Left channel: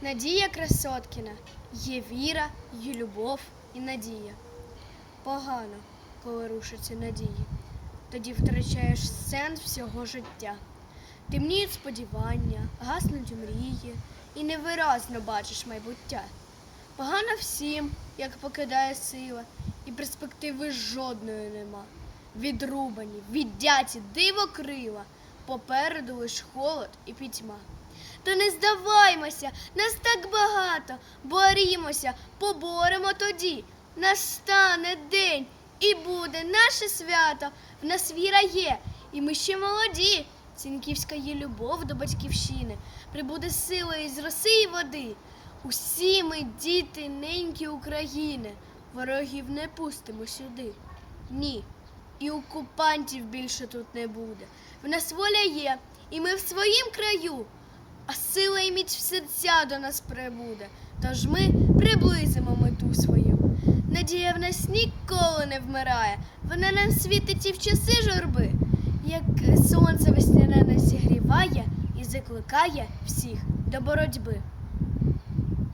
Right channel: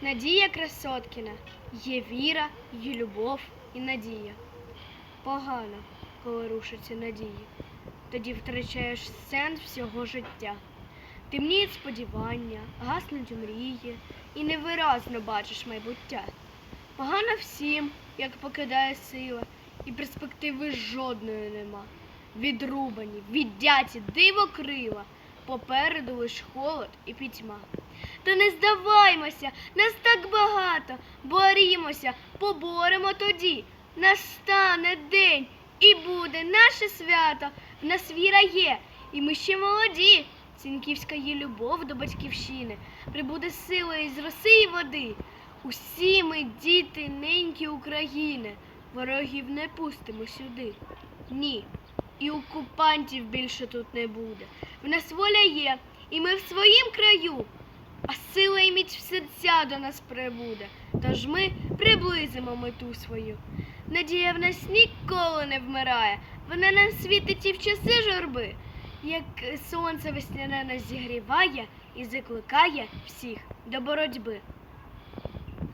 Надія Красоткіна. Є віра, є любов і надія. Погано, коли рушаться надії. Тоді втрачаєш сенс всього життя. Темніють сподівання, гаснуть мрії, і невиразно бачиш майбуття. Погано всім, як покидає сила, і перспективи жодної нема. Відрубані, віддяті, диво крила, попереду лиш холод і пітьма. Та не здаваймося, нас так багато, борімося, поборемо тоді. Настане день і буде наше свято. В нас віра є, і ми ще молоді. Цінківська є любов до батьківщини, прибуде сила із роси і води. Усі ми діти неньки України, ворогів не пустимо сюди. Ні, і окупантів більше тут не буде. В нас воля є, і ми в своїм краю, а сила і міць в серця до нас прибуде. Тож ми приблизимо мету свою. Надія в нас ніколи не вмирає, вона нам світить і в часи журби, як сонце весняне нас зігріває і закликає всіх до боротьби.